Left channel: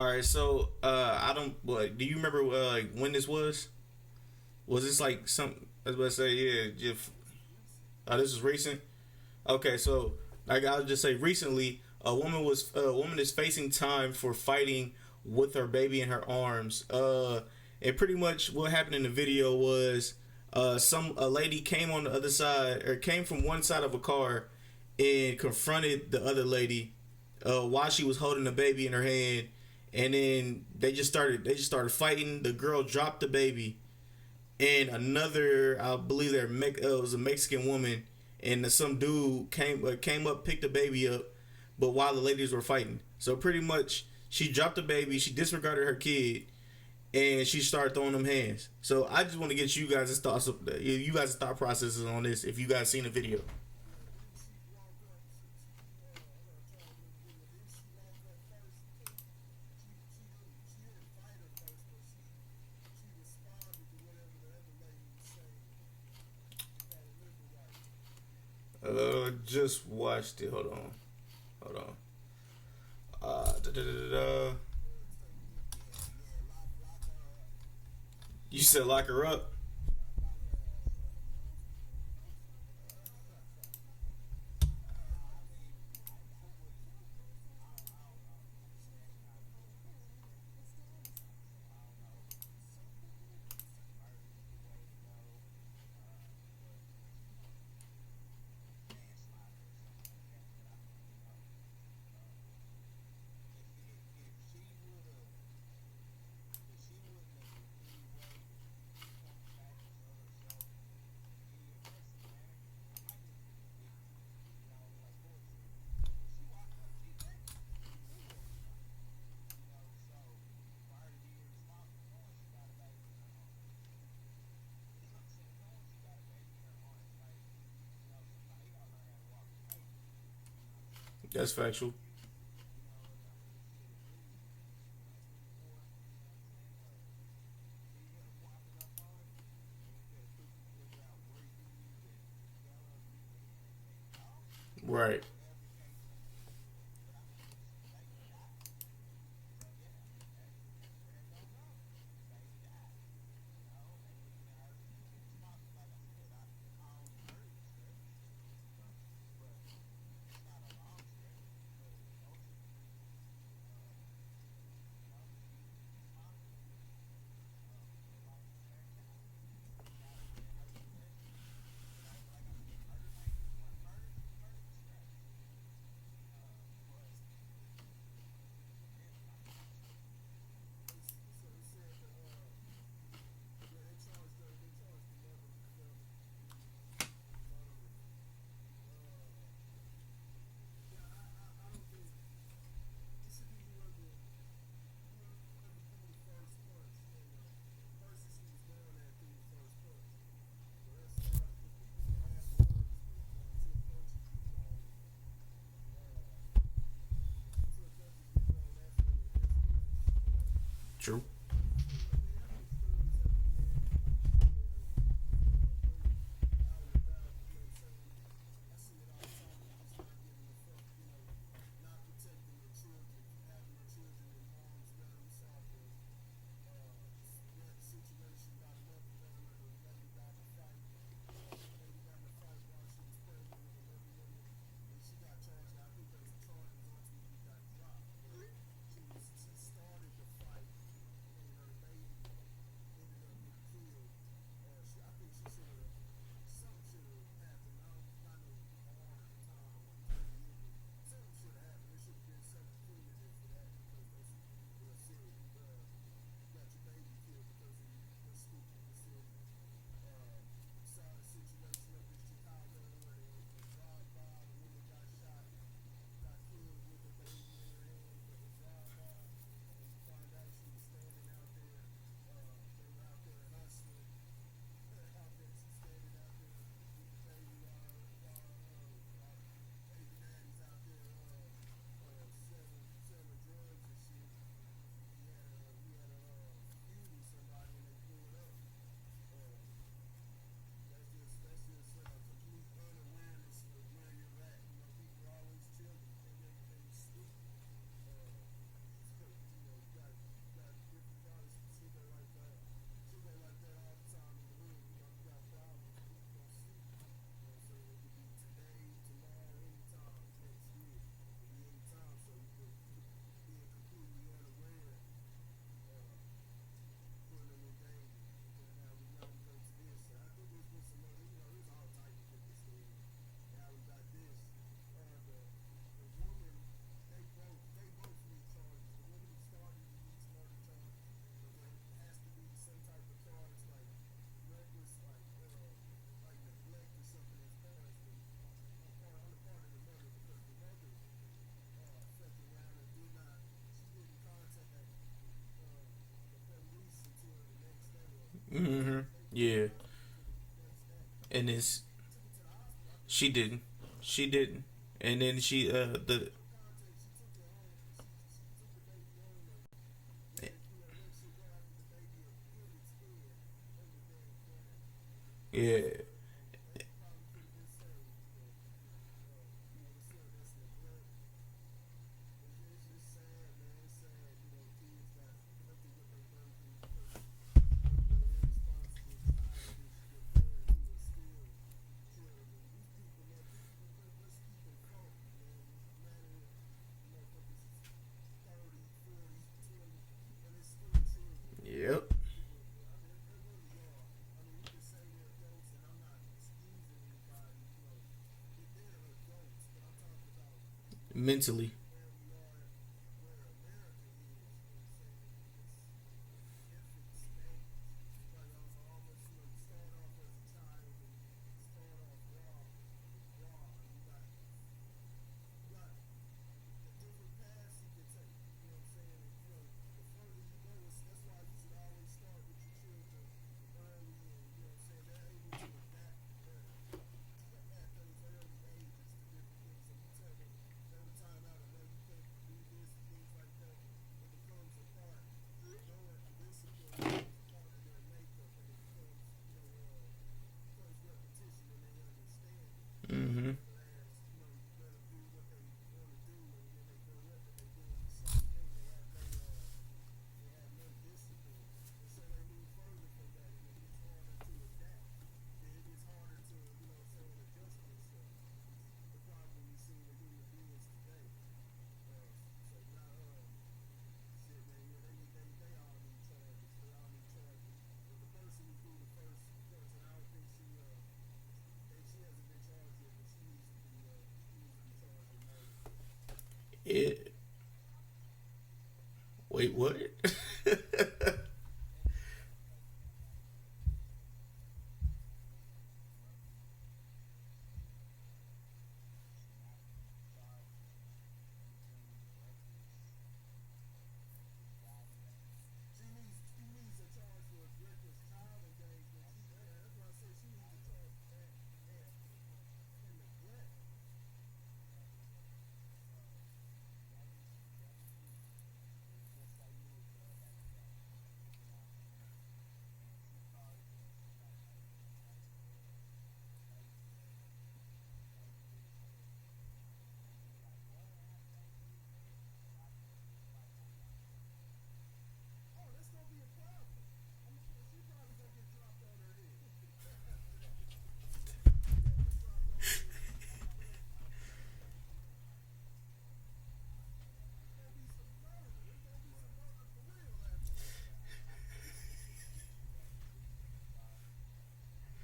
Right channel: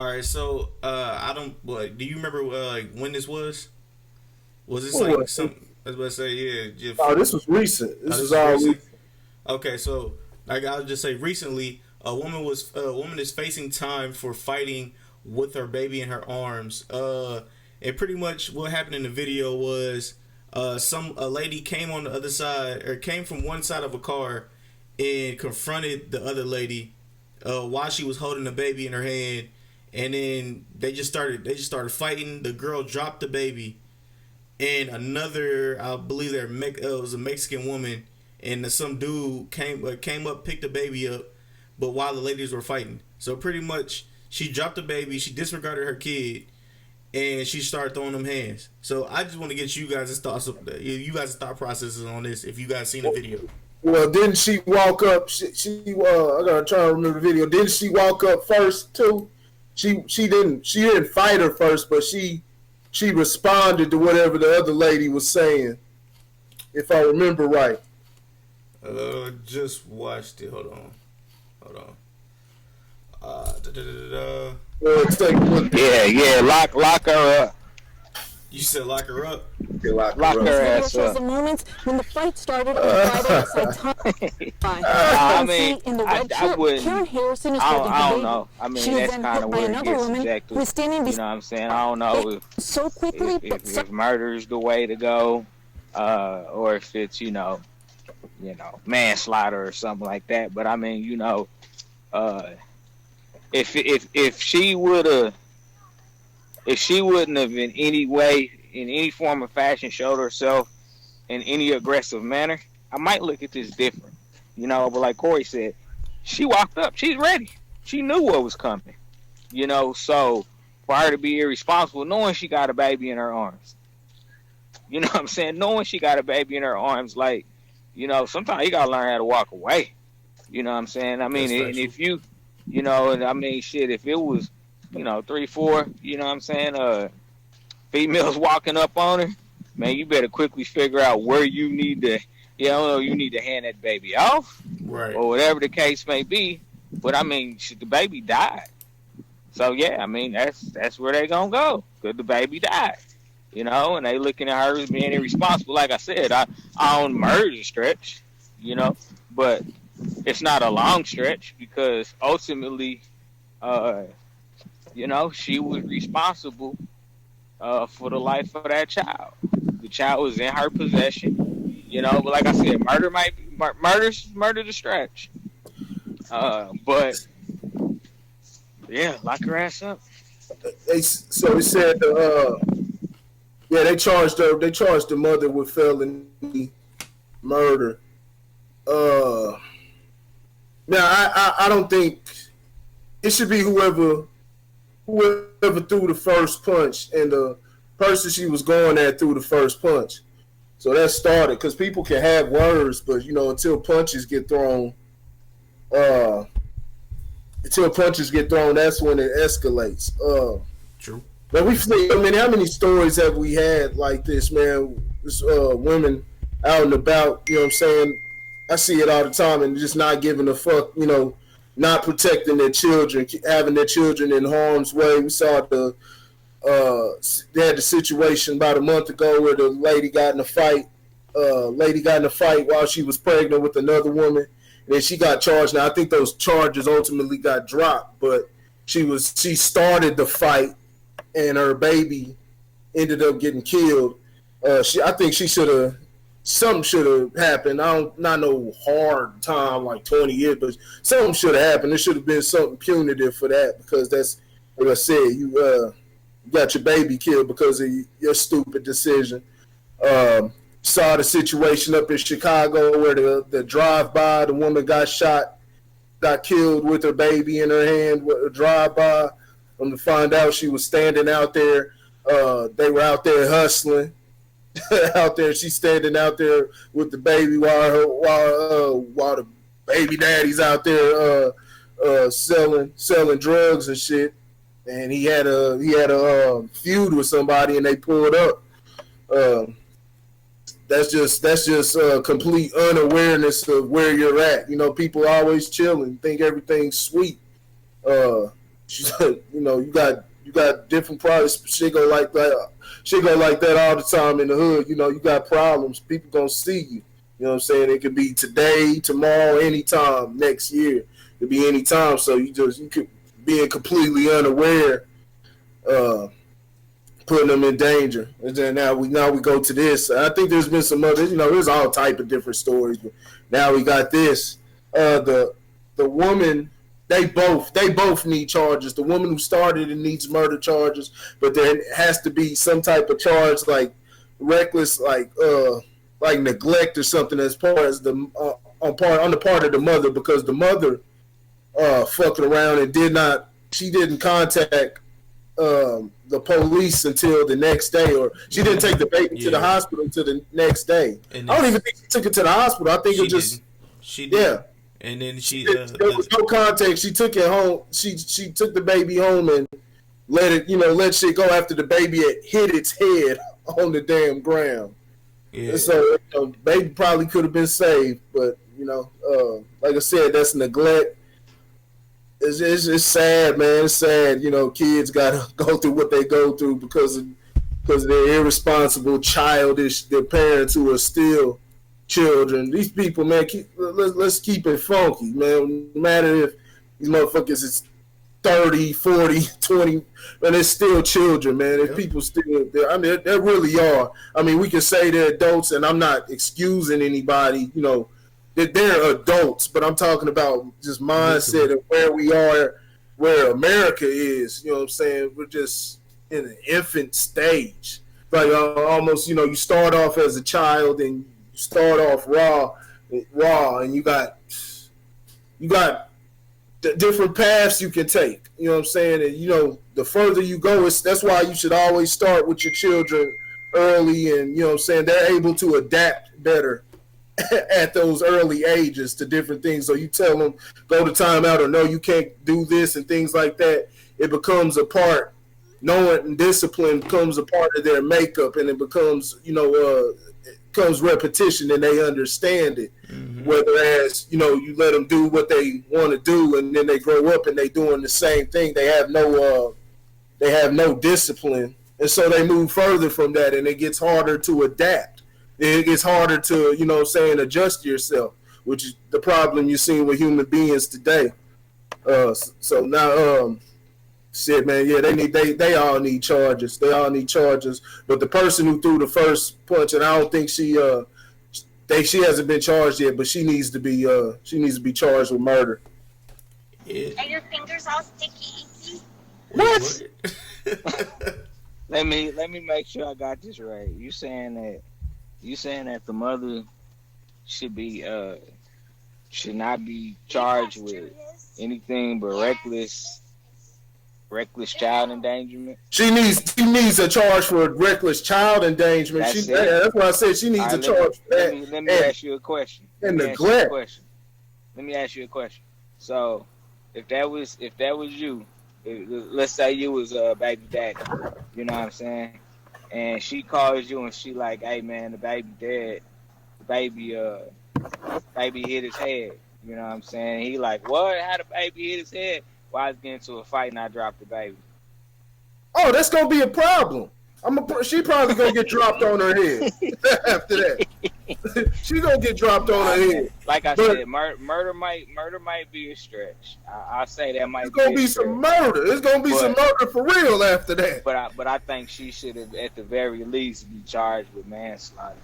All right, so I don't. What do you remember? Like when this was? Was this What like was it? some? I was about to say, yeah. Just, Oh, this was recent. oh, This this was is all recent. recent. Okay, so like I'll just say, recently, a woman is facing time for fighting with her baby in her arms. And pretty much what happened in the video was, some a lady came on the other side, or came from one side of a car, and confronted the other lady, while she was holding the baby in her hand, and then they just started fighting. The girl dropped the baby, and another, I believe it was a Mexican woman, and some dude came up, picked the baby up, but while the ladies were fighting, so pretty much she dropped the baby, she disregarded her kid, and she started throwing them hands. So I just want to get you guys' thought processes on this. If you guys seen the video, Well, didn't she walk up? I gotta try to remember the video. Didn't she walk up first too? She didn't fight her first, but she responded to whatever the other lady was saying, if I remember right. just watched it. Hold on. Da, da, da, da, da. Well, take a look. Yeah, yeah, lock her up. You said lock her up. Lock her This video ass shows up. the moments when the fight started on Friday outside Tom. I You mean, see in the I red shirt, wouldn't. Karen Harrison is I holding don't, her I don't baby. know. I mean, She is that's then kind hit of by where it another gets woman subjective. who is standing You know what I'm saying? I don't know so quickly, but if murder is the way to go, or if it's manslaughter or something like that. But I mean, uh, if she would have, if she wouldn't have in any way, in any form of fashion, showed herself in any aggressive manner, I might look at this different. But like Corey said, she walked up. She's ready. She knew what was coming. So for her to be irresponsible, knowing she got a baby in her arms, you know what I'm saying? Knowing she got a baby in her arms, like, sometimes you gotta learn how to walk away. You know what I'm saying? I mean, That's and factual. if and I mean, shit, if it was, 3, 4, what I'm saying, females walking up on her, man, you better quickly figure out where you need to, you need to hand that baby off, Right. or whatever the case may be. But I mean, shit, the baby died. So yeah, I mean, that's where they gonna go, cause the baby died. And they looking at her as being irresponsible. Like I said, I don't murder the stretch, but it's not a long stretch because ultimately, uh, she was responsible for the life of that child. The child was in her possession, But like I said, murder might be, murder the stretch. But yeah, lock her ass up. They said, yeah, they charged her. They charged the mother with felony murder. Uh, Now I don't think it should be whoever threw the first punch, and the person she was going at threw the first punch. So that started because people can have words, but until punches get thrown, uh, that's when it escalates. True. But we've seen. I mean, how many stories have we had like this, man? This women out and about. You know what I'm saying? I see it all the time, and just not giving a fuck. Not protecting their children, having their children in harm's way. We saw they had the situation about a month ago where the lady got in a fight. Lady got in a fight while she was pregnant with another woman, and then she got charged. Now I think those charges ultimately got dropped, but she started the fight, and her baby ended up getting killed. I think she should have. Something should have happened. I don't not no hard time like 20 years, but something should have happened. There should have been something punitive for that because that's what I said. You got your baby killed because of your stupid decision. Saw the situation up in Chicago where the drive by, the woman got shot, got killed with her baby in her hand with a drive by. To find out she was standing out there. They were out there hustling. Out there, she's standing out there with the baby while the baby daddy's out there selling drugs and shit. And he had a feud with somebody, and they pulled up. Uh, that's just complete unawareness of where you're at. People always chilling, think everything's sweet. Uh, She's like, you got different problems. Shit go like that. Shit go like that all the time in the hood. You got problems. People gonna see you. You know what I'm saying? It could be today, tomorrow, anytime, next year. It could be anytime. So you could being completely unaware, putting them in danger. And then now we go to this. I think there's been some other, there's all type of different stories, but now we got this. The woman, they both need charges. The woman who started it needs murder charges, but there has to be some type of charge like reckless, like neglect or something as far as the on the part of the mother, because the mother fucking around and didn't contact the police until the next day, or she didn't take the baby to the hospital until the next day. I don't even think she took it to the hospital. I think it just she did. Yeah. And then there was no contact. She took it home. She took the baby home and let shit go after the baby had hit its head on the damn ground. Yeah. And so baby probably could have been saved, but like I said, that's neglect. It's sad, man. It's sad. Kids gotta go through what they go through because of their irresponsible, childish, their parents who are still children. These people, man, let's keep it funky, man. No matter if these motherfuckers is 30, 40, 20, but they're still children, man. Yep. People still, they really are. I mean, we can say they're adults, and I'm not excusing anybody, they're adults, but I'm talking about just mindset of where we are, where America is. You know what I'm saying? We're just in an infant stage. Like almost, you start off as a child and you start off raw, and you got different paths you can take. You know what I'm saying? And the further you go, that's why you should always start with your children early, and you know what I'm saying, they're able to adapt better at those early ages to different things. So you tell them, go to timeout, or no, you can't do this, and things like that. It becomes a part, knowing and discipline becomes a part of their makeup, and it becomes, comes repetition, and they understand it. Mm-hmm. Whereas, you let them do what they want to do, and then they grow up and they doing the same thing. They have no discipline, and so they move further from that, and it gets harder to adapt. It gets harder to, adjust yourself, which is the problem you're seeing with human beings today. So now, shit, man, yeah, they all need charges. They all need charges. But the person who threw the first punch, and I don't think she hasn't been charged yet, but she needs to be charged with murder. Yeah. Are your fingers all sticky? What? Let me make sure I got this right. You saying that the mother should not be charged with anything but reckless child endangerment? She needs a charge for reckless child endangerment. That's why I said she needs a charge for that. Let me ask you a question. And neglect. Let me ask you a question. So, if that was you, let's say you was a baby daddy, you know what I'm saying, and she calls you and she like, hey man, the baby dead, the baby hit his head, you know what I'm saying? He like, what? How the baby hit his head? Well, I was getting into a fight and I dropped the baby. Oh, that's gonna be a problem. She probably gonna get dropped on her head after that. She gonna get dropped on her head. Like I said, murder might be a stretch. I say that might. It's gonna be some murder. It's gonna be some murder for real after that. But I think she should have, at the very least, be charged with manslaughter.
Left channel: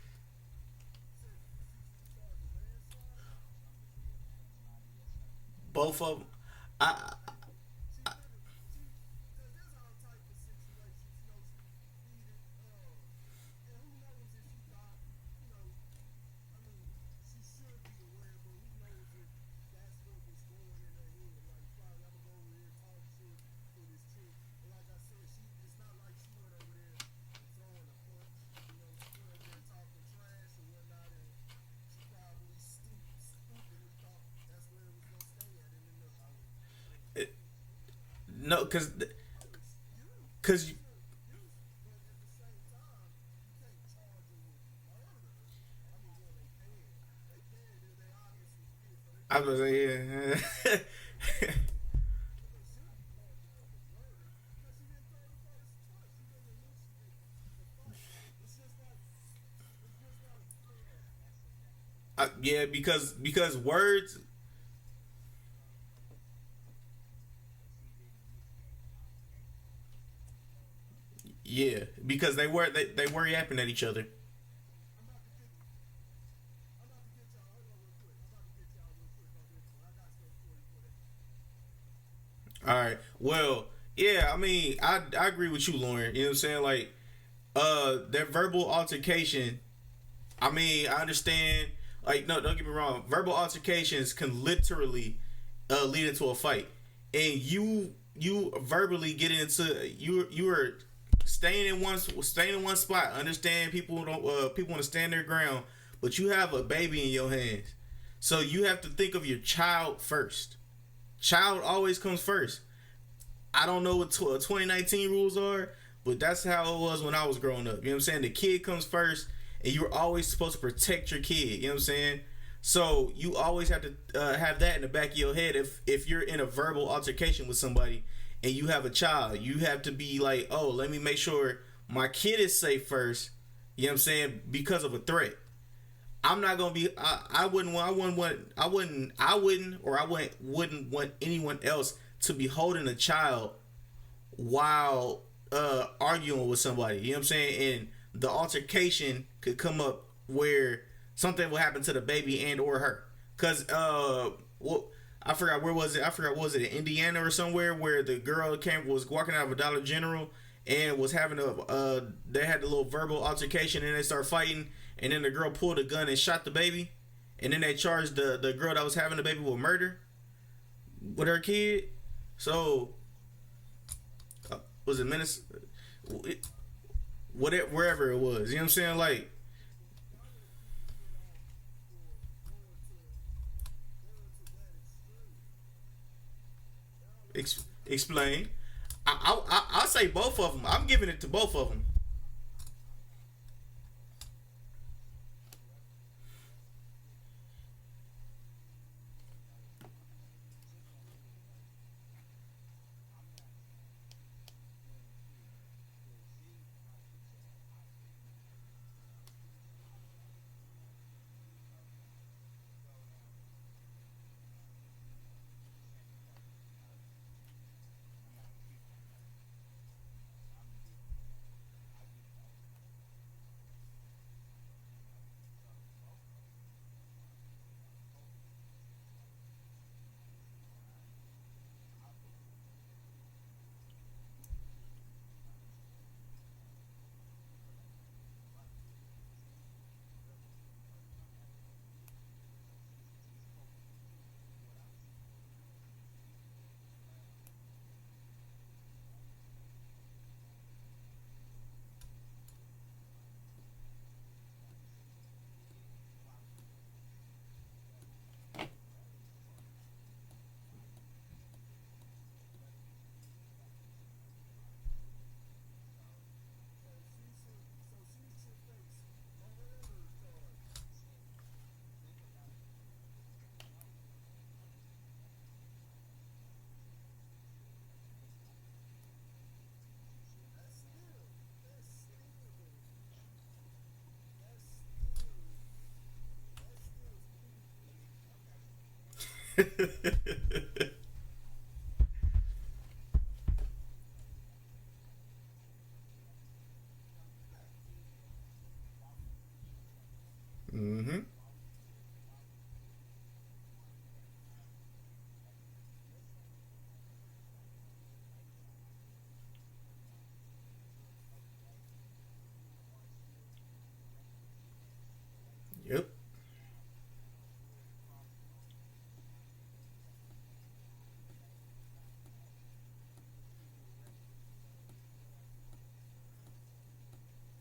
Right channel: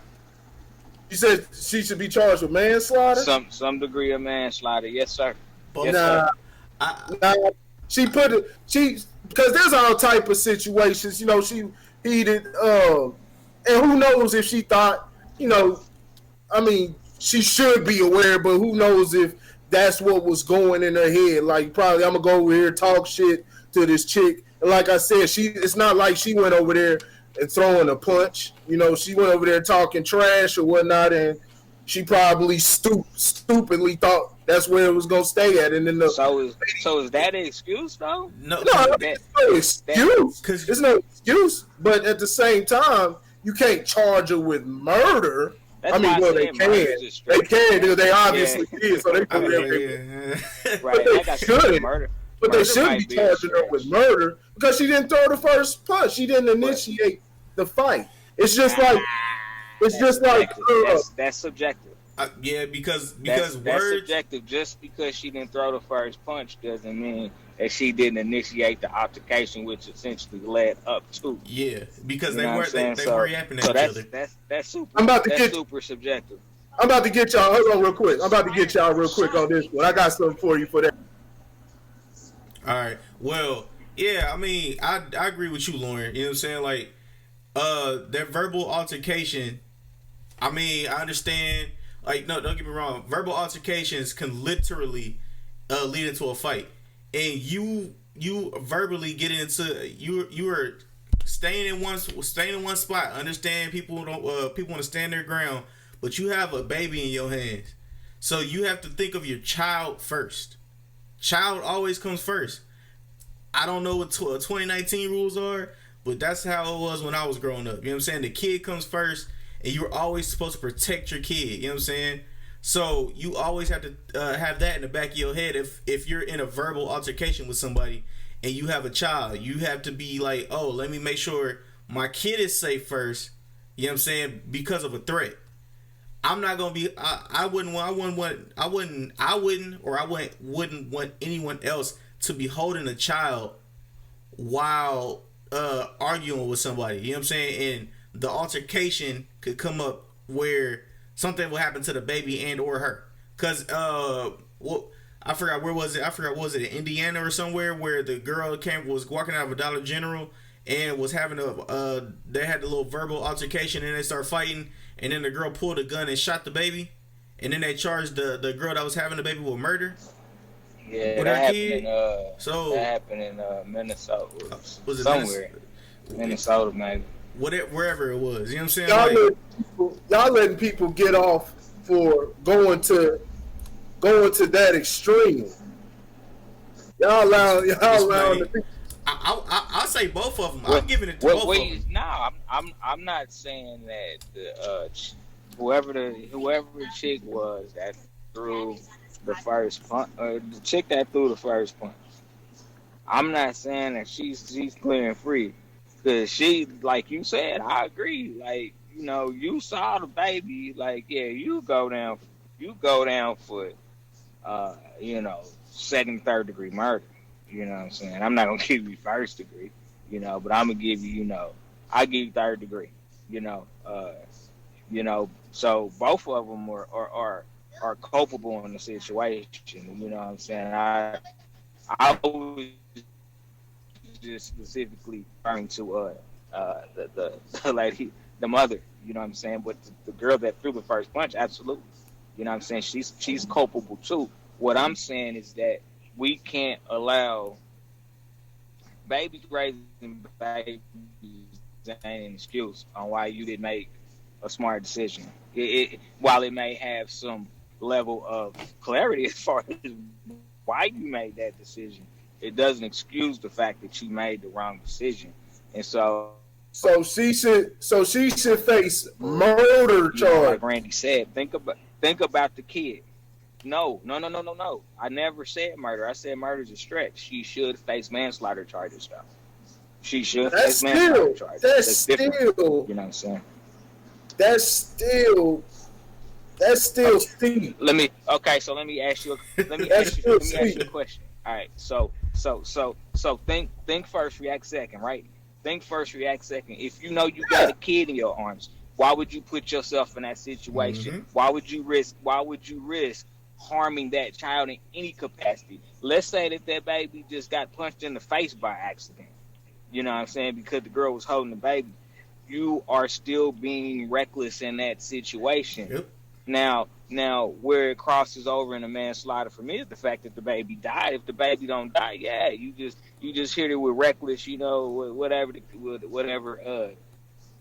You said she should be charged with manslaughter? Some degree of manslaughter, yes sir. But sir. Because there's all type of situations. She heated, and who knows if she thought, she should be aware, but who knows if that's what was going in her head. Like, probably I'm gonna go over here, talk shit to this chick, and like I said, it's not like she went over there and throwing a punch. She went over there talking trash or whatnot, and she probably stupidly thought that's where it was gonna stay at. And then so is that an excuse though? No, it's no excuse. Because it's no excuse. But at the same time, you can't charge her with murder. They can. They can. They obviously did. So they put right. They got murder. But they Murder shouldn't might be be a charging her with stretch. murder because she didn't throw the first punch. She didn't initiate the fight. It's just like it's That's just like subjective. That's subjective. Yeah, because That's words. subjective. Just because she didn't throw the first punch doesn't mean that she didn't initiate the altercation, which essentially led up to. Yeah, because You they know were what I'm they saying? were yapping at each other. That's super. I'm about to That's get super subjective. I'm about to get y'all. Hold on, real quick. I'm about to get y'all real quick on this one. I got something for you for that. All right. Well, yeah. I mean, I agree with you, Lauren. You know what I'm saying? Like, that verbal altercation. I mean, I understand. Like, no, don't get me wrong. Verbal altercations can literally lead into a fight, and you verbally get into you are staying in one spot. Understand people don't people want to stand their ground, but you have a baby in your hands, so you have to think of your child first. Child always comes first. I don't know what 2019 rules are, but that's how it was when I was growing up. You know what I'm saying? The kid comes first, and you're always supposed to protect your kid. You know what I'm saying? So you always have to have that in the back of your head. If you're in a verbal altercation with somebody and you have a child, you have to be like, oh, let me make sure my kid is safe first. You know what I'm saying? Because of a threat. I'm not gonna be. I wouldn't want anyone else to be holding a child while arguing with somebody. You know what I'm saying? And the altercation could come up where something will happen to the baby and or her. Cause well, I forgot where was it. I forgot, was it in Indiana or somewhere where the girl was walking out of a Dollar General and was having they had a little verbal altercation and they started fighting, and then the girl pulled a gun and shot the baby, and then they charged the girl that was having the baby with murder. Yeah, With her kid. That happened in Minnesota. Was it somewhere? Minnesota, maybe. Wherever it was. You know what I'm saying? Y'all letting people get off for going to that extreme. Y'all allow the people. I'll say both of them. I'm giving it to both of them. No, I'm not saying that the whoever the chick was that threw the first punch, the chick that threw the first punch. I'm not saying that she's clear and free, because she, like you said, I agree. Like, you know, you saw the baby, like, yeah, you go down for, you know, second, third degree murder. You know what I'm saying? I'm not gonna give you first degree, you know, but I'm gonna give you, you know, I give you third degree, you know, so both of them are culpable in the situation. You know what I'm saying? I was just specifically referring to the lady, the mother. You know what I'm saying? But the girl that threw the first punch, absolutely. You know what I'm saying? She's culpable too. What I'm saying is that we can't allow babies raising babies ain't an excuse on why you didn't make a smart decision. While it may have some level of clarity as far as why you made that decision, it doesn't excuse the fact that you made the wrong decision. And so she should face murder charge. Like Randy said, think about the kid. No. I never said murder. I said murder's a stretch. She should face manslaughter charges, though. She should face manslaughter charges. That's different. You know what I'm saying? That's still steep. Let me ask you a question. All right. So think first, react second, right? Think first, react second. If you know you got a kid in your arms, why would you put yourself in that situation? Mm-hmm. Why would you risk harming that child in any capacity? Let's say that baby just got punched in the face by accident. You know what I'm saying? Because the girl was holding the baby. You are still being reckless in that situation. Yep. Now, where it crosses over in a manslaughter for me is the fact that the baby died. If the baby don't die, yeah, you just hit it with reckless, you know, whatever,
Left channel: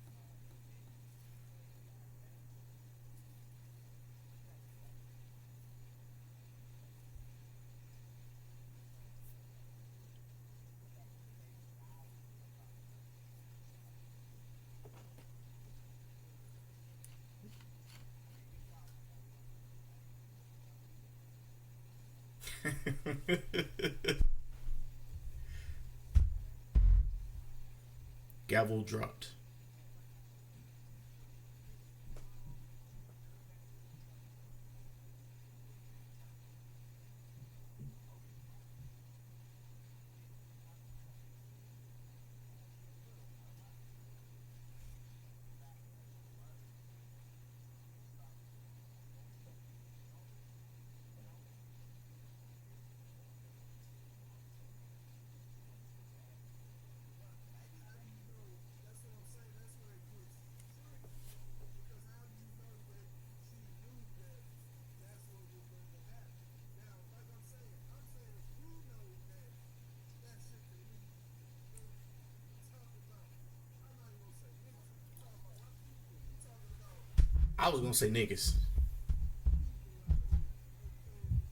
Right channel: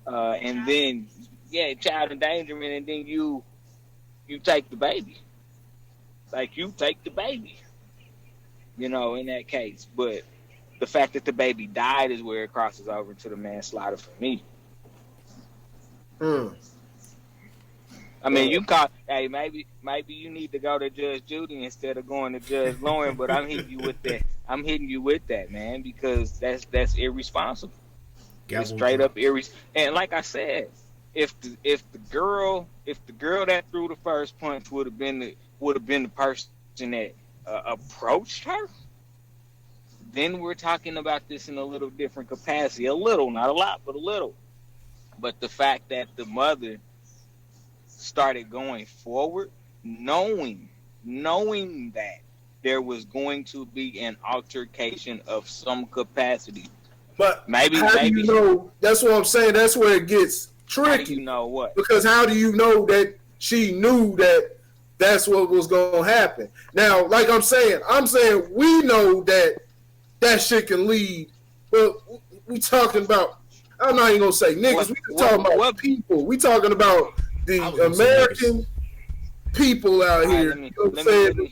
and then child endangerment, and then you take the baby, like you take the baby, you know, in that case. But the fact that the baby died is where it crosses over to the manslaughter for me. I mean, you call. Hey, maybe you need to go to Judge Judy instead of going to Judge Lauren. But I'm hitting you with that. I'm hitting you with that, man, because that's irresponsible. It's Gavel straight up drops. And like I said, if the girl that threw the first punch would have been the person that approached her, then we're talking about this in a little different capacity. A little, not a lot, but a little. But the fact that the mother started going forward, knowing that there was going to be an altercation of some capacity. But Maybe, how do you know? That's what I'm saying. That's where it gets tricky. How do you know what? Because how do you know that she knew that that's what was going to happen? Now, like I'm saying we know that that shit can lead. But we talking about. I'm not even gonna say niggas. We talking about people. We talking about the American people out here. You know what I'm saying? Who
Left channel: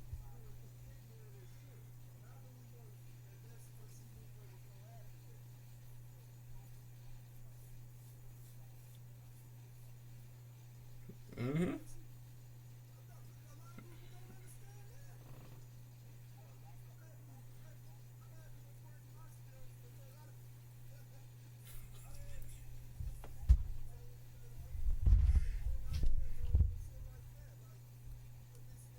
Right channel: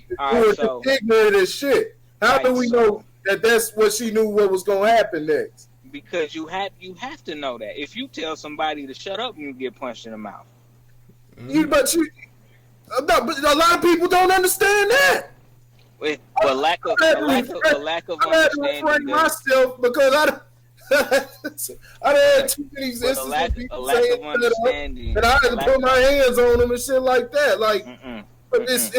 are ignorant as shit. How do we know that that's what she knew what was gonna happen next? Because you have to know that. If you tell somebody to shut up, you get punched in the mouth. But a lot of people don't understand that. But lack of understanding. Myself because I had too many instances of people saying that I had to put my hands on them and shit like that. Like, but it's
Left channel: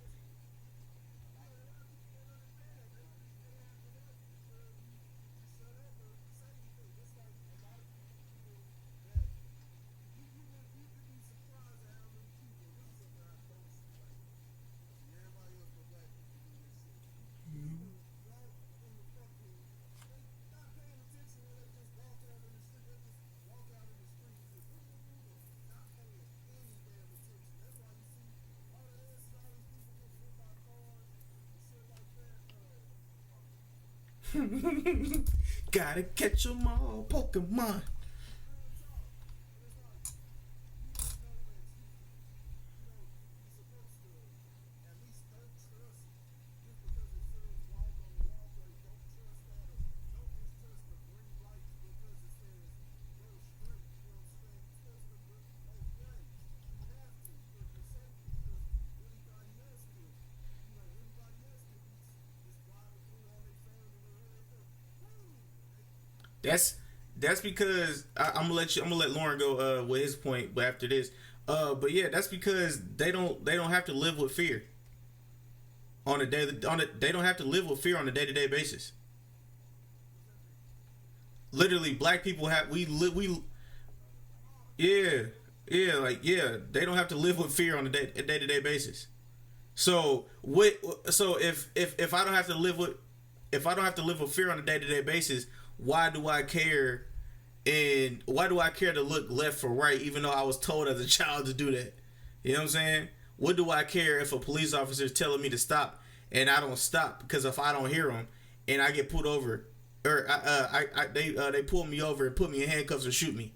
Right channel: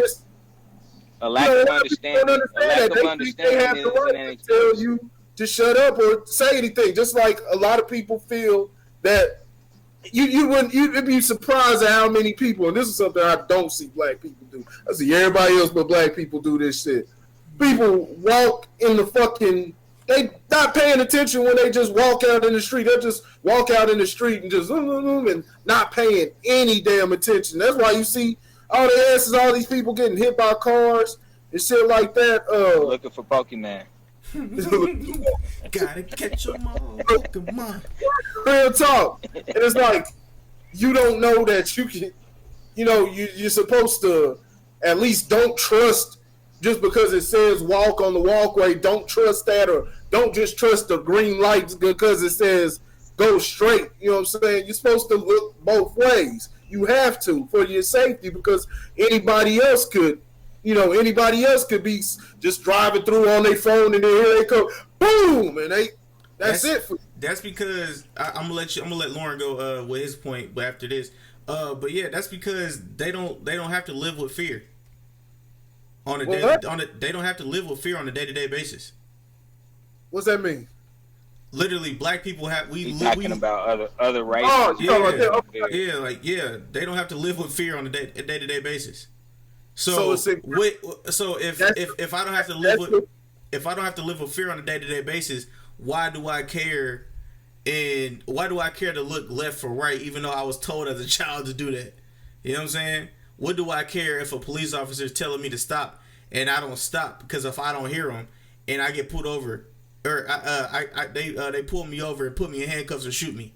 a lack of understanding. A lack of understanding. They have the right to tell you to shut up or say anything. Just like a lot of people feel that you'd be surprised at how many people, and this is something I don't see black people do. I see everybody else but black people do this shit. People walk in the fucking, they not paying attention when they just walk out in the street. They'll just walk out in the street and just and not paying any damn attention. That's why you see all the asses, all these people getting hit by cars and shit like that. Looking for Pokemon. Gotta catch them all. Pokemon. Real talk. And it's like, you don't know that you can, you're supposed to at least don't trust just because it says walk on the walkway. Don't trust that, or don't just trust the green lights because it says go straight. You know what I'm saying? You're supposed to look both ways. You have to for your safety, because anybody else could be just driving through on their phone and then here they come, boom, and that's it. That's because I'm gonna let Lauren go with his point, but after this, but yeah, that's because they don't have to live with fear on a daily. They don't have to live with fear on a day-to-day basis. What's that mean? Literally, black people have we about other races. Oh, yeah, they don't have to live with fear on a day-to-day basis. So if I don't have to live with fear on a day-to-day basis, why do I care? And why do I care to look left or right, even though I was told as a child to do that? You know what I'm saying? What do I care if a police officer is telling me to stop and I don't stop? Because if I don't hear them and I get pulled over, or they pull me over and put me in handcuffs or shoot me,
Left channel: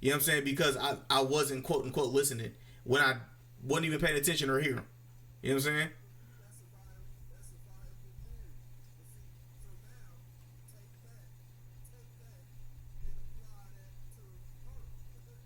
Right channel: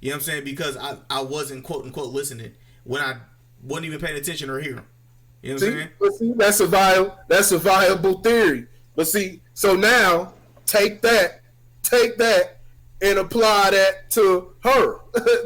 you know what I'm saying? Because I wasn't quote unquote listening when I wasn't even paying attention or hearing. You know what I'm saying? But see, that's a viable theory. But see, so now take that and apply that to her.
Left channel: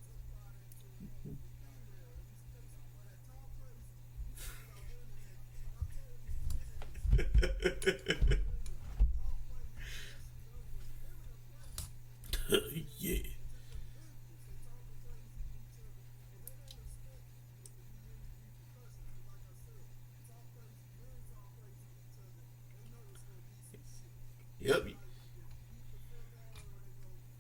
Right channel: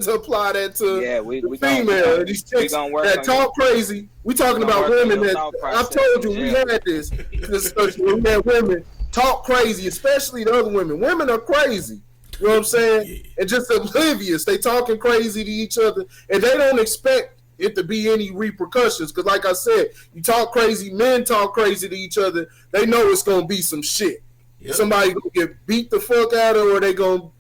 To apply that to the female. These chicks that talk crazy. We talking about women that I've told you we had this discussion. We had women talk crazy, especially the other women. Women are crazy. You know what I'm saying? Yeah. And just oblivious. They talking crazy to each other, and they don't expect it to be any repercussions. Because like I said, you talk crazy, men talk crazy to each other, they know it's gonna be some shit. Yep. Somebody gonna get beat the fuck out of,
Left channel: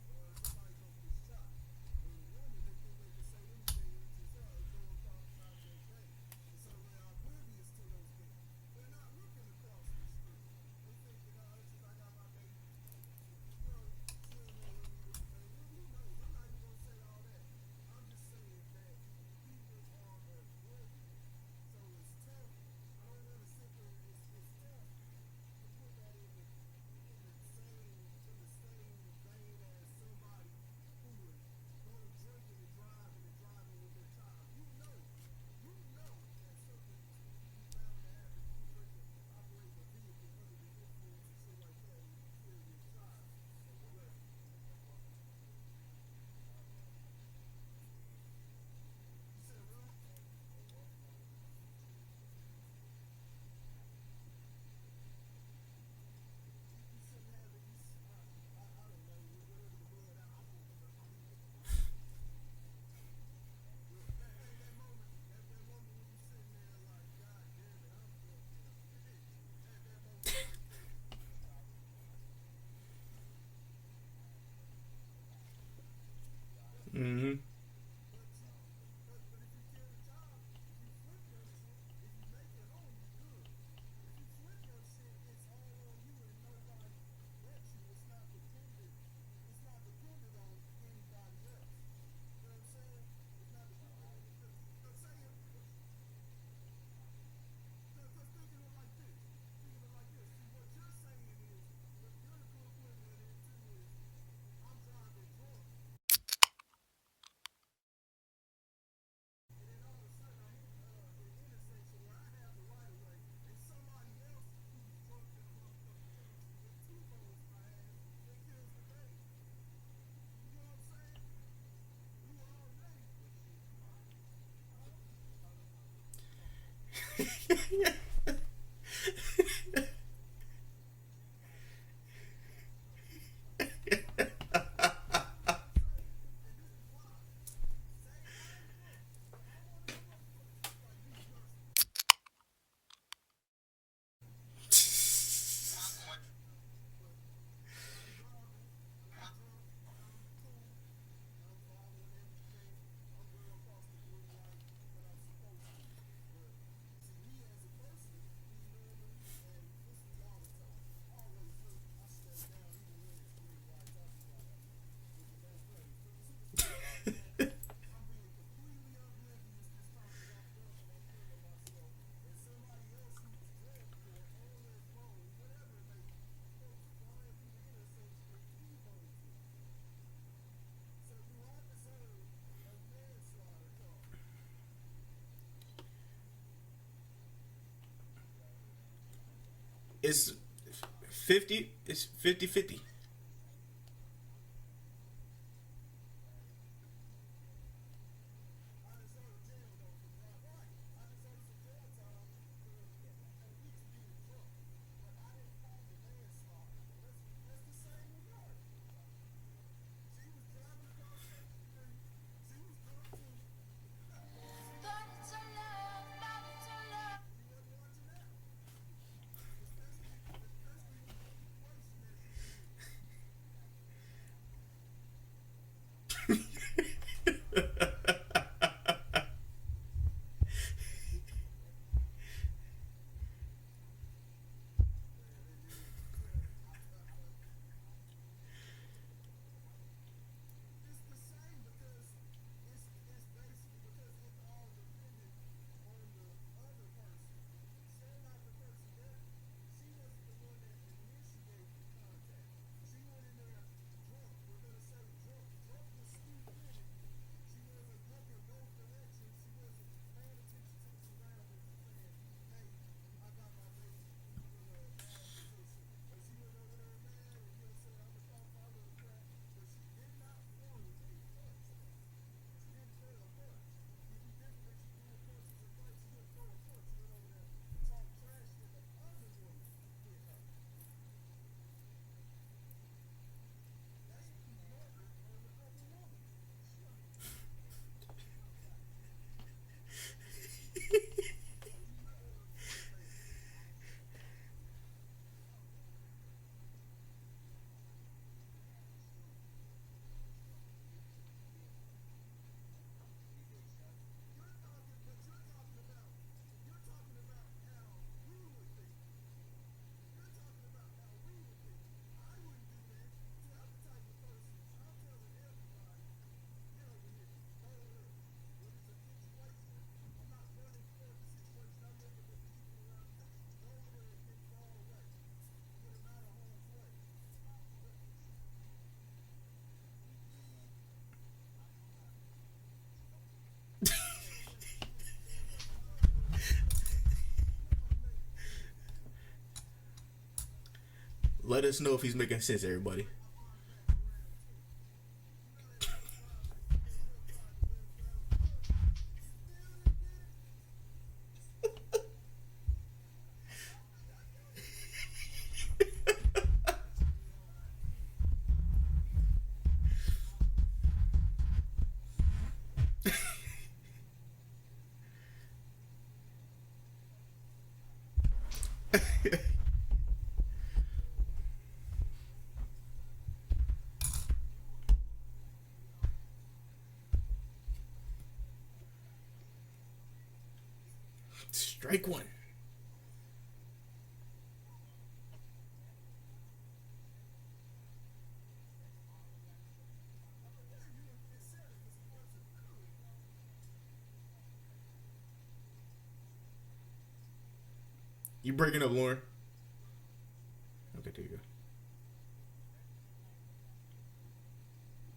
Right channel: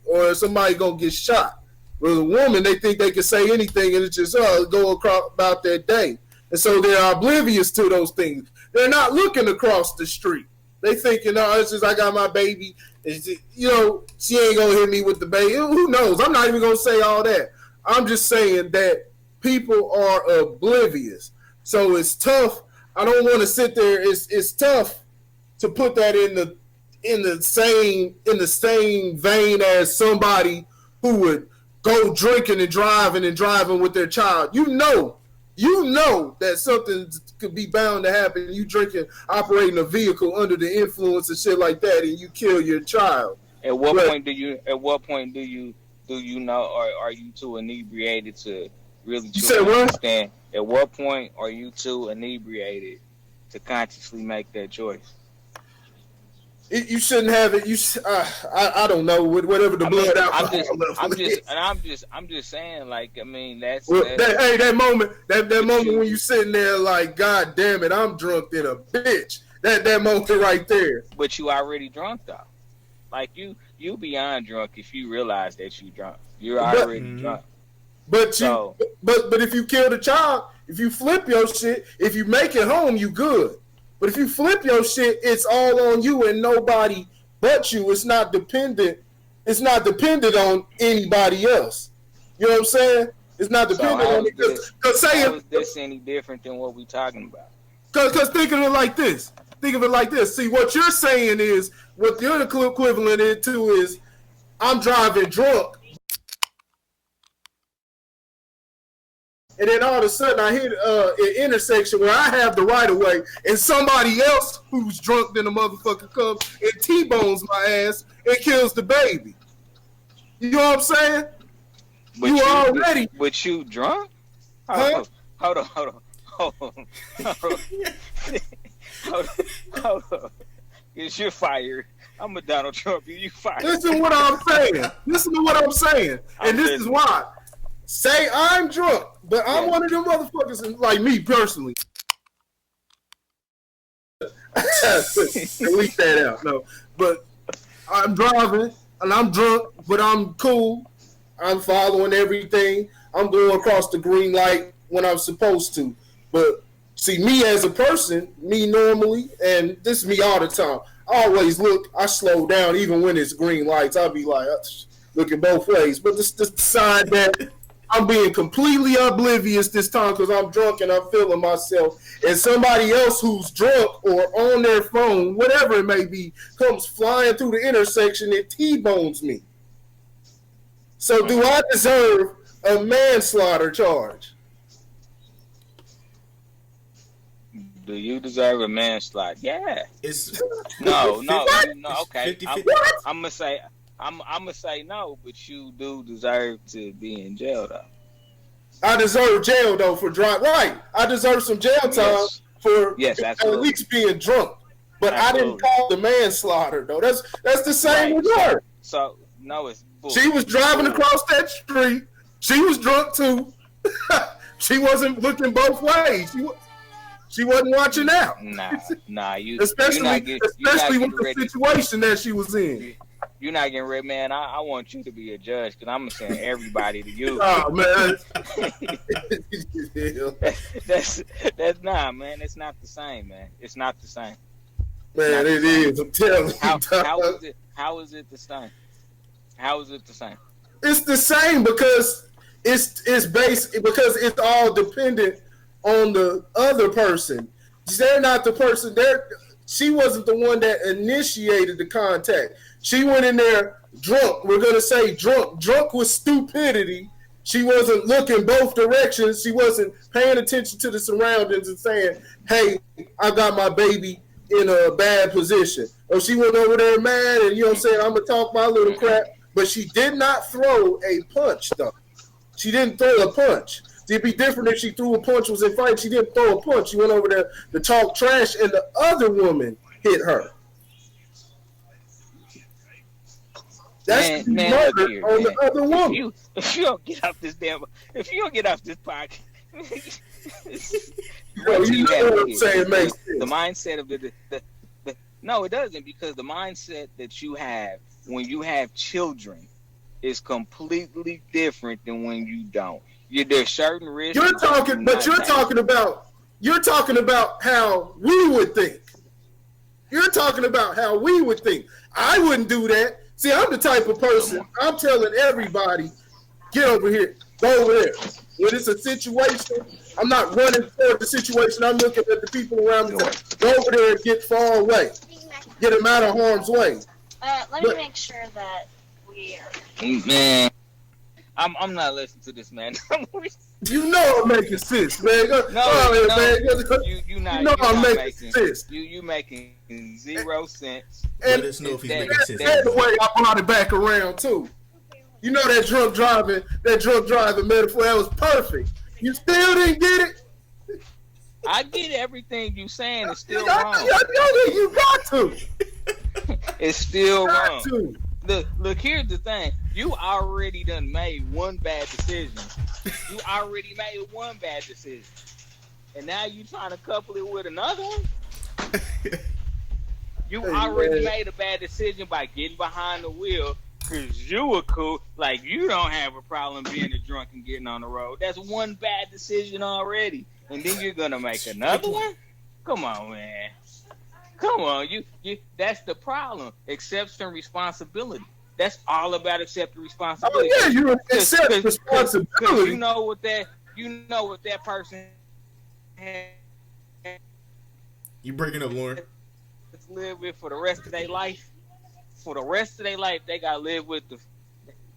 or somebody gonna get shot. With a woman, they think they can say anything and it's just go across about their day. And so they're oblivious to those things. They're not looking across the street. They thinking, it's just I got my baby. She ain't gonna hit me with the baby. Who knows? I'm not even gonna say all that. I'm just saying that people are oblivious. So it's tough. I don't want to sit there. It's tough to put that in the same vein as somebody who would go drinking and driving with their child. You know that something could be bound to happen. You drinking, operating a vehicle under the influence and shit like that, and you kill your child. At what point do you know, or are you too inebriated to really understand? At what point are you too inebriated to consciously make that choice? You shouldn't have it. I don't know whatever the blood alcohol I'm just saying, like, I mean, that's that moment when you sitting there like, God damn it, I'm drunk than a bitch. That moment right there. But you already drunk though. Like you beyond drunk if you realize that you drunk. You're already drunk. But if you kill the child, if you flip your shit, if you make it home, you good. But if you flip your shit, it's all on you and nobody but you. It's not dependent. It's not dependent on anybody else. You know what I'm saying? It's not dependent on it. Because how is this any different than what we talking about? Because think of it like this. See, what you're saying is, what the other equivalent to is, I'm driving drunk. And then all of a sudden I hit an intersection where I have the right of way, and somebody else who's drunk than a motherfucker comes and T-bones my ass and kills the baby. You know what I'm saying? But you already. But you drunk? Huh? Hold on. Because you're fired. I'm a Donald Trump. You fired. Listen to what I'm saying. And this is why. Say I'm drunk, but I'm one of them motherfuckers, like me personally. Delete that out. No, but I'm driving and I'm drunk, but I'm cool. I'm following everything. I'm going across the green light when I'm supposed to. But see, me as a person, me normally, and this is me all the time. I always look. I slow down even when it's green lights. I'll be like looking both ways. But just decide that I'm being completely oblivious this time because I'm drunk and I'm feeling myself. And somebody else who's drunk or on their phone, whatever it may be, comes flying through the intersection and T-bones me. So do I deserve a manslaughter charge? Do you deserve a manslaughter? Yeah. It's no. Okay. 50-50. I'm gonna say no, but you do deserve to be in jail though. I deserve jail though for drunk. Right. I deserve some jail time for at least being drunk. But absolutely. I didn't call the manslaughter though. That's the same with her. So no, it's bull. She was driving across that street. She was drunk too. She wasn't looking both ways. She wasn't watching out. Nah. Especially with the situation that she was in. You're not getting rid, man. I want you to be a judge because I'm gonna send everybody to you. Oh man, that's not, man. It's not the same, man. It's not the same. Man, it is. I'm telling you. How is it the same? How is it the same? It's the same because it's based because it's all dependent on the other person. They're not the person. She wasn't the one that initiated the contact. She went in there drunk. We're gonna say drunk with stupidity. She wasn't looking both directions. She wasn't paying attention to the surroundings and saying, "Hey, I got my baby in a bad position." Or she went over there mad and, you know what I'm saying, I'm gonna talk my little crap. But she did not throw a punch though. She didn't throw a punch. It'd be different if she threw a punch, was in fight. She didn't throw a punch. She went over there to talk trash, and the other woman hit her. That's murder on the other woman. If you don't get off this podcast, Bro, you know what I'm saying makes sense. The mindset of the no, it doesn't, because the mindset that you have when you have children is completely different than when you don't. There's certain risks. You're talking about how we would think. You're talking about how we would think. I wouldn't do that. See, I'm the type of person, I'm telling everybody, get over here, go over there. When it's a situation, I'm not running toward the situation. I'm looking at the people around me. Go over there and get far away. Get them out of harm's way. Let me make sure that we are... Man, I'm not listening to this, man. You know I'm making sense, man. I'm making sense. You making 0 sense. Let us know if he's making sense. That's the way I brought it back around too. You know that drunk driving metaphor, that was perfect. You still didn't get it? I get everything you saying. It's still wrong. You got to. It's still Got wrong. to. Look, here's the thing. You already done made one bad decision. You already made one bad decision. And now you trying to couple it with another one? You already made a bad decision by getting behind the wheel because you were cool. Like, you don't have a problem being a drunk and getting on the road. That's one bad decision already. And then you're going to make another one? Come on, man. Come on. You. That's the problem. Accepting responsibility. That's all about accepting responsibility. Oh, yeah, you accept responsibility. Because you know what that person has You breaking up, Lauren? to live with for the rest of their life. For the rest of their life, they gotta live with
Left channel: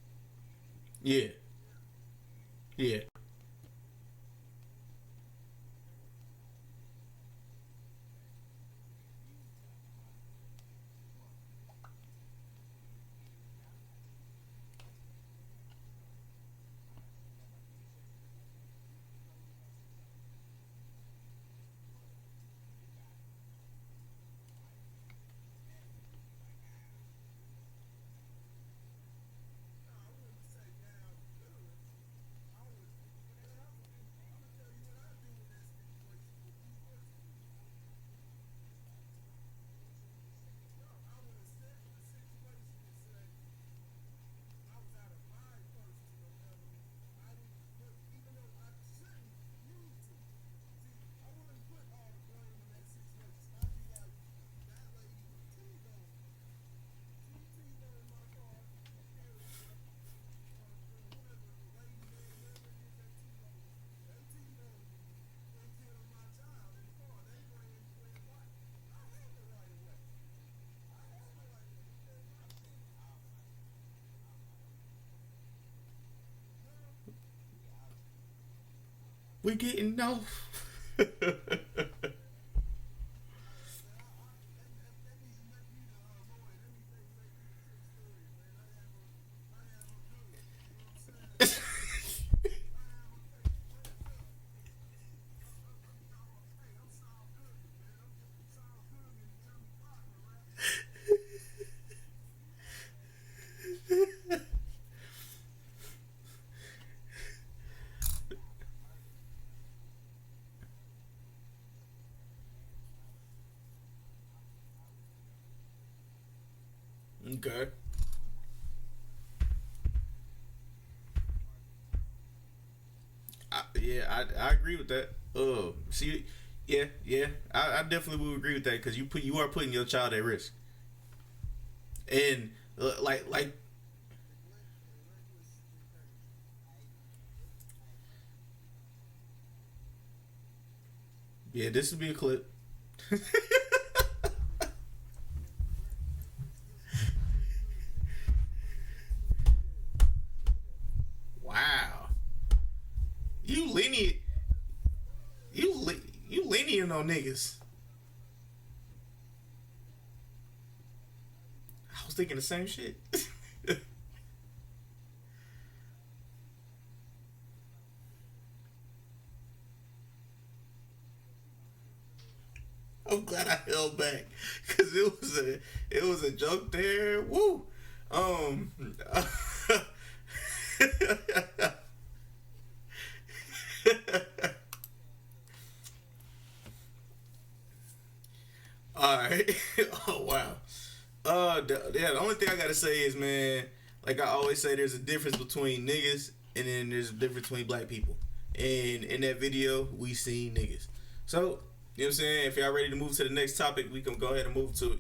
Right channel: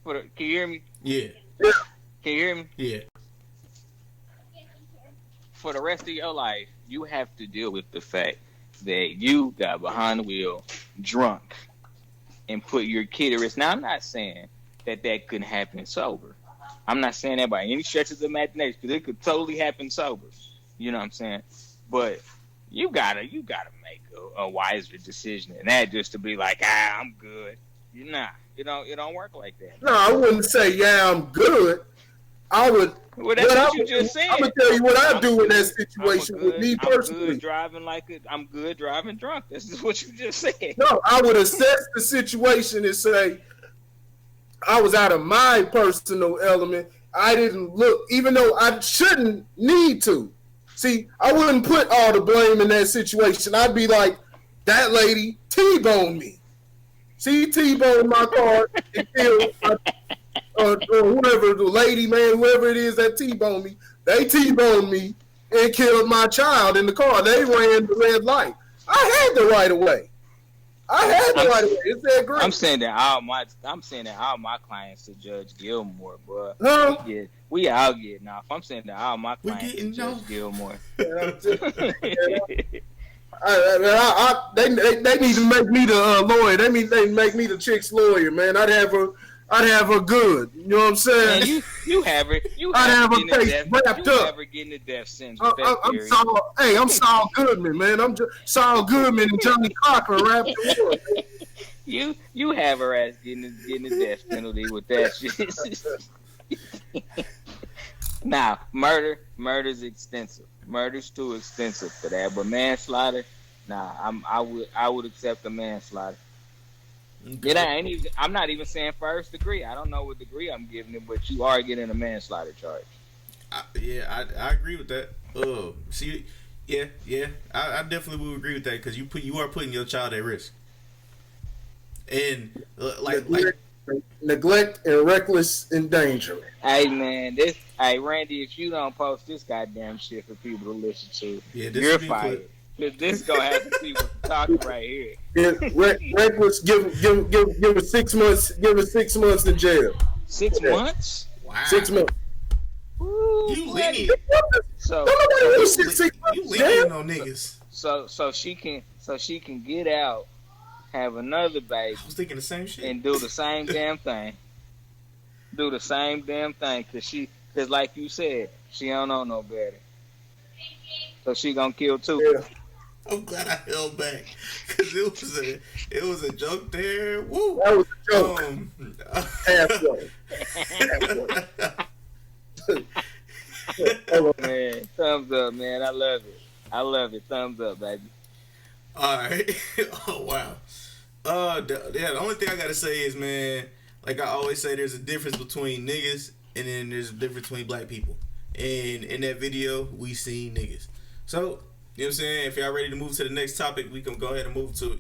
can you hear me? Yeah. Can you hear me? Yeah. For the rest of your life, you have to deal with the fact that you got behind the wheel, drunk, and put your kid at risk. Now, I'm not saying that couldn't happen sober. I'm not saying that by any stretch of the imagination, because it could totally happen sober. You know what I'm saying? But you gotta make a wiser decision than that, just to be like, I'm good. You're not. It don't work like that. No, I wouldn't say, I'm good. I would. Well, that's what you just said. I'm gonna tell you what I do in that situation with me personally. I'm good driving drunk. This is what you just said. No, I would assess the situation and say, I was out of my personal element. I didn't look, even though I shouldn't need to. See, I wouldn't put all the blame in that situation. I'd be like, that lady T-boned me. She T-boned my car and killed or whoever, the lady, man, whoever it is that T-boned me, they T-boned me and killed my child in the car. They ran the red light. I had the right of way. It's that great. I'm saying that all my clients to Judge Gilmore, but Huh? we all getting off. I'm saying that all my We clients getting to Judge off. Gilmore. They need to make me the lawyer. They make me the chick's lawyer, man. I'd have her good. You know what I'm saying? Man, you have her. I'd have her getting face wrapped you up. have her getting the death sentence. I'm Saul Goodman, man. I'm just Saul Goodman and Johnny Cochran wrapped up. You have her ass getting the death penalty with that shit. Now, murder's extensive. Murder's too extensive for that. But manslaughter, nah, I would accept the manslaughter. Okay. I'm not even saying first degree. I don't know what degree I'm giving it, but you are getting a manslaughter charge. I agree with that. I definitely would agree with that because you are putting your child at risk. And neglect and reckless endangerment. Hey man, Randy, if you don't post this goddamn shit for people to listen to, this you're be fired. This gonna have to be talking right here. Reckless, give her 6 months. Give her 6 months in jail. 6 months? Wow. 6 months. Ooh, You lenient. So You lenient on niggas. so she can get out, have another baby, I was thinking the same shit. and do the same damn thing. Do the same damn thing, cause like you said, she don't know no better. So she gonna kill too. Yeah. I'm glad I held back because it was a joke there. Woo. That was a joke. Halfway. Man, thumbs up, man. I love it. Thumbs up, baby. All right. Oh wow. The only thing I gotta say is, man, like I always say, there's a difference between niggas and then there's a difference between black people. And in that video, we seen niggas. So, you know what I'm saying? If y'all ready to move to the next topic, we can go ahead and move to it.